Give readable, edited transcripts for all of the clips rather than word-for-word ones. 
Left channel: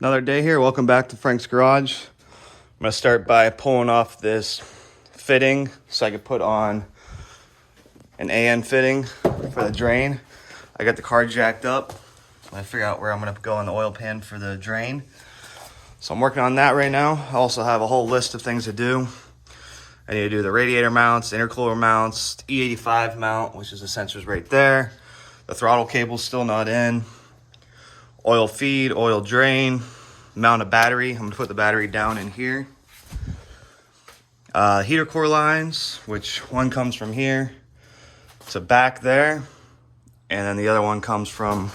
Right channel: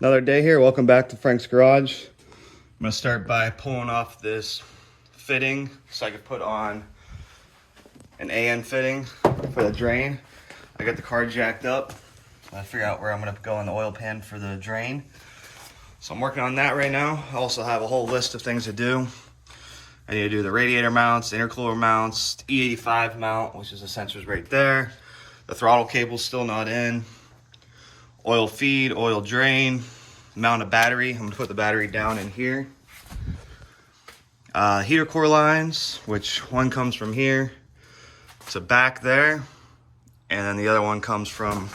Another day here. Welcome back to Frank's Garage. I'm gonna start by pulling off this fitting so I can put on an AN fitting for the drain. I got the car jacked up. I figure out where I'm gonna go on the oil pan for the drain. So I'm working on that right now. I also have a whole list of things to do. I need to do the radiator mounts, intercooler mounts, the E85 mount, which is the sensors right there. The throttle cable's still not in. Oil feed, oil drain, mount a battery. I'm gonna put the battery down in here. Heater core lines, which one comes from here to back there, and then the other one comes from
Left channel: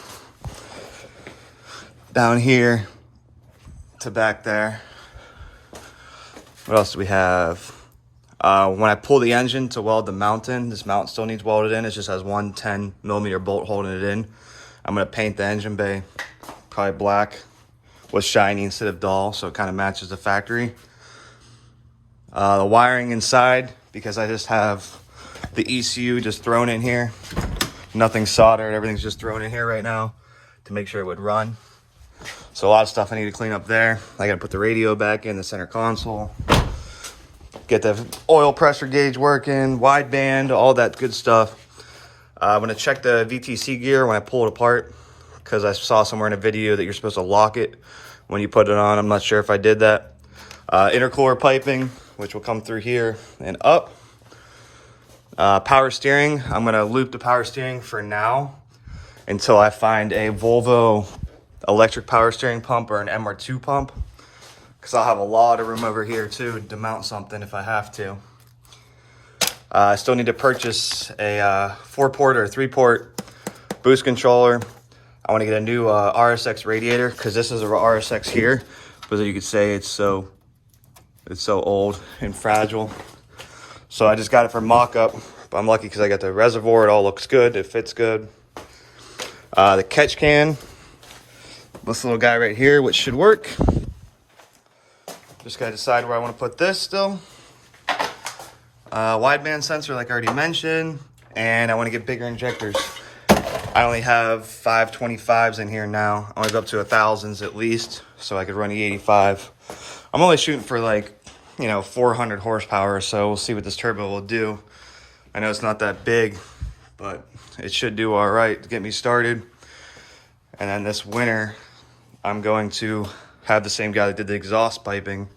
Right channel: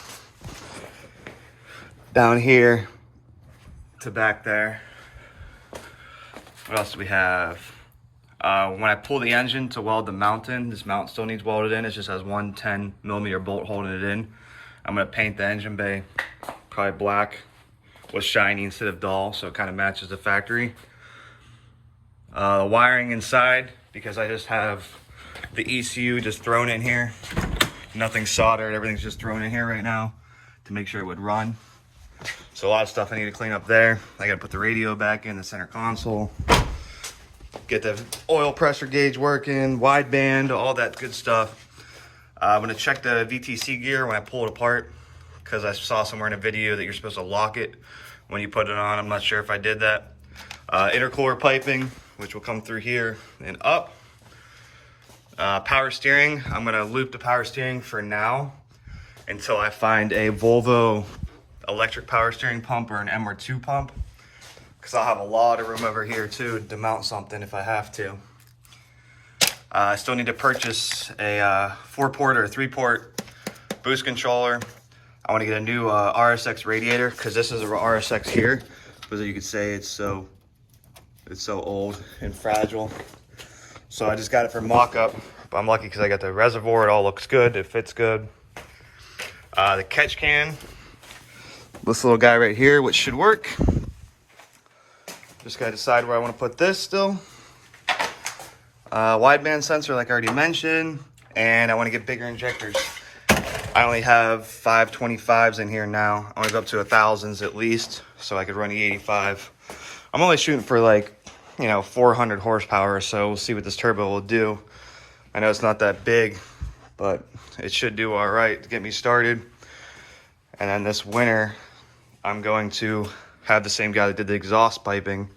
down here to back there. What else do we have? When I pull the engine to weld the mount in, this mount still needs welded in. It just has one 10mm bolt holding it in. I'm gonna paint the engine bay probably black with shiny instead of dull, so it kind of matches the factory. The wiring inside, because I just have the ECU just thrown in here. Nothing soldered, everything's just thrown in here right now to make sure it would run. So a lot of stuff I need to clean up there. I gotta put the radio back in the center console, get the oil pressure gauge working, wideband, all that good stuff. I'm gonna check the VTC gear when I pull it apart, because I saw somewhere in a video that you're supposed to lock it when you put it on. I'm not sure if I did that. Intercooler piping, which will come through here and up. Power steering, I'm gonna loop the power steering for now until I find a Volvo electric power steering pump or an MR2 pump, because I'll have a lot of room over here too to mount something if I have to. I still need to purchase a 4-port or 3-port boost controller. I want to get a new RSX radiator, because this is a RSX here, but you could say it's so old and fragile. So I just got it for mock-up, but I'm lucky because I got the reservoir. It all looks good. It fits good. The catch can, this little guy right here, which should work. Just got to decide where I want to put this still. Wideband sensor, like I already mentioned, and I want to get bigger injectors. I only have 525s in here now. I want to go up to 1000s at least, so I could run E85. I'm only shooting for 400 horsepower, so we'll see what this turbo will do. I know it's not that big, but it should do all right to get me started. And then this winter, I'm going to have the same guy that did the exhaust piping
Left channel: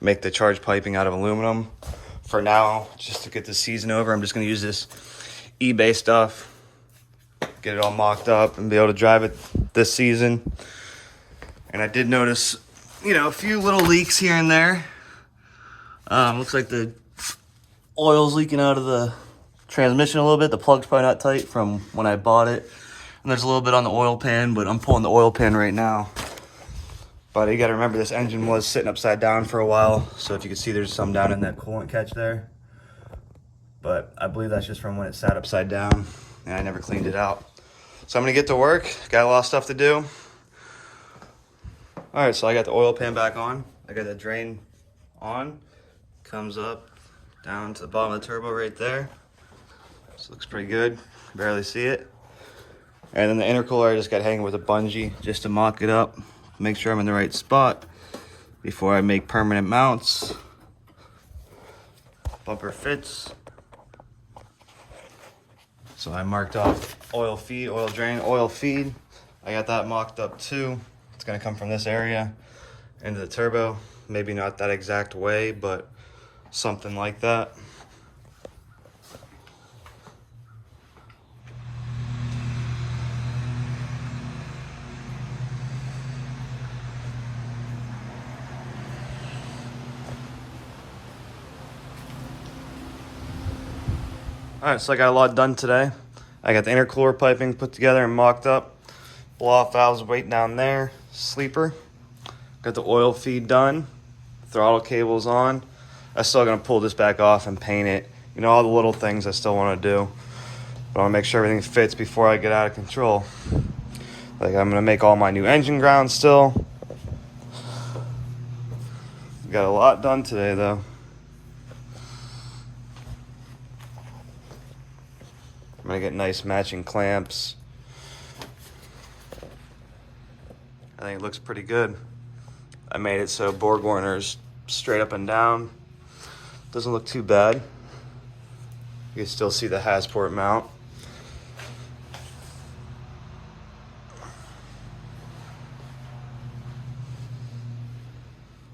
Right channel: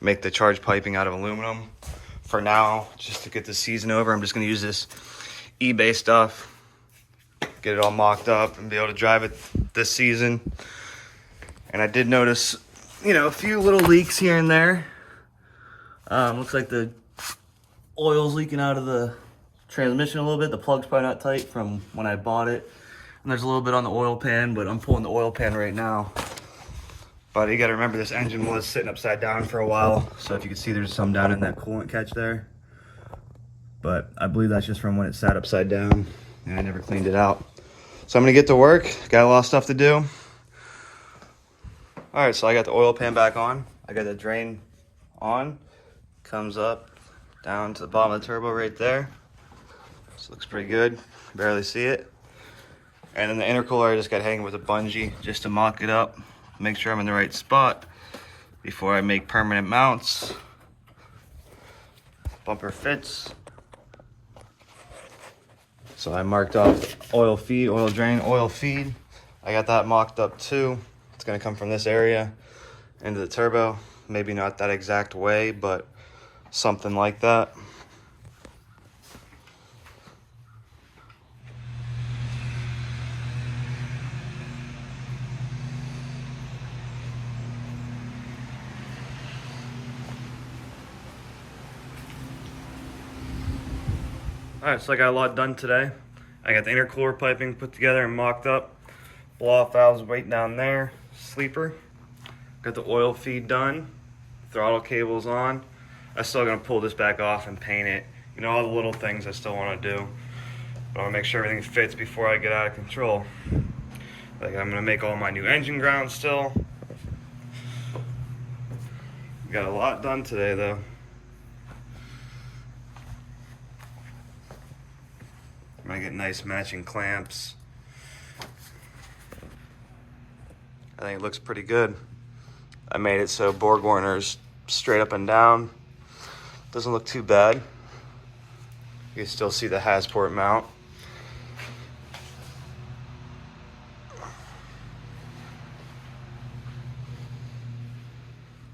make the charge piping out of aluminum. For now, just to get the season over, I'm just going to use this eBay stuff, get it all mocked up, and be able to drive it this season. And I did notice, a few little leaks here and there. Looks like the oil's leaking out of the transmission a little bit. The plug's probably not tight from when I bought it. And there's a little bit on the oil pan, but I'm pulling the oil pan right now. But you gotta remember, this engine was sitting upside down for a while. So if you can see, there's some down in that coolant catch there. But I believe that's just from when it sat upside down and I never cleaned it out. So I'm gonna get to work. Got a lot of stuff to do. All right, so I got the oil pan back on. I got the drain on. Comes up down to the bottom of the turbo right there. This looks pretty good. Barely see it. And then the intercooler I just got hanging with a bungee just to mock it up. Make sure I'm in the right spot before I make permanent mounts. Bumper fits. So I marked off oil feed, oil drain, oil feed. I got that mocked up too. It's gonna come from this area into the turbo. Maybe not that exact way, but something like that. All right, so I got a lot done today. I got the intercooler piping put together and mocked up. Blow-off valves waiting down there. Sleeper. Got the oil feed done. Throttle cable's on. I'm still gonna pull this back off and paint it. All the little things I still wanna do. But I wanna make sure everything fits before I get out of control. Like, I'm gonna make all my new engine grounds still. Got a lot done today though. I'm gonna get nice matching clamps. I think it looks pretty good. I made it so board warner's straight up and down. Doesn't look too bad. You still see the Hasport mount.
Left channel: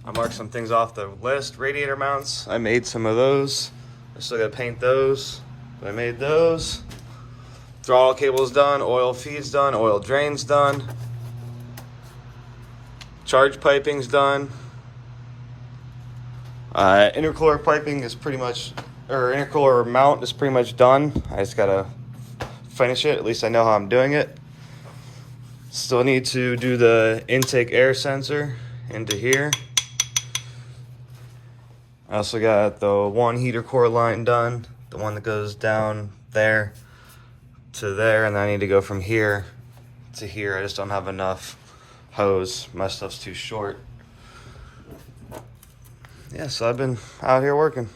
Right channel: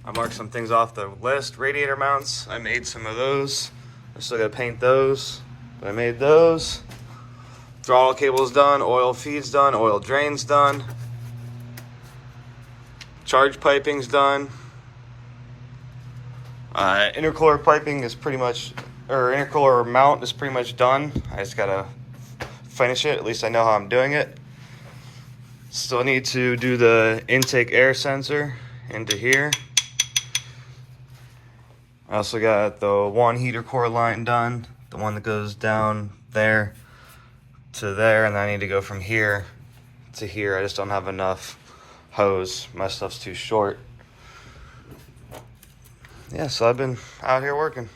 I marked some things off the list. Radiator mounts, I made some of those. I still gotta paint those, but I made those. Throttle cable's done, oil feed's done, oil drain's done. Charge piping's done. Intercooler piping is pretty much, or intercooler mount is pretty much done. I just gotta finish it, at least I know how I'm doing it. Still need to do the intake air sensor into here. I also got the one heater core line done, the one that goes down there to there, and then I need to go from here to here. I just don't have enough hose. My stuff's too short. Yeah, so I've been out here working.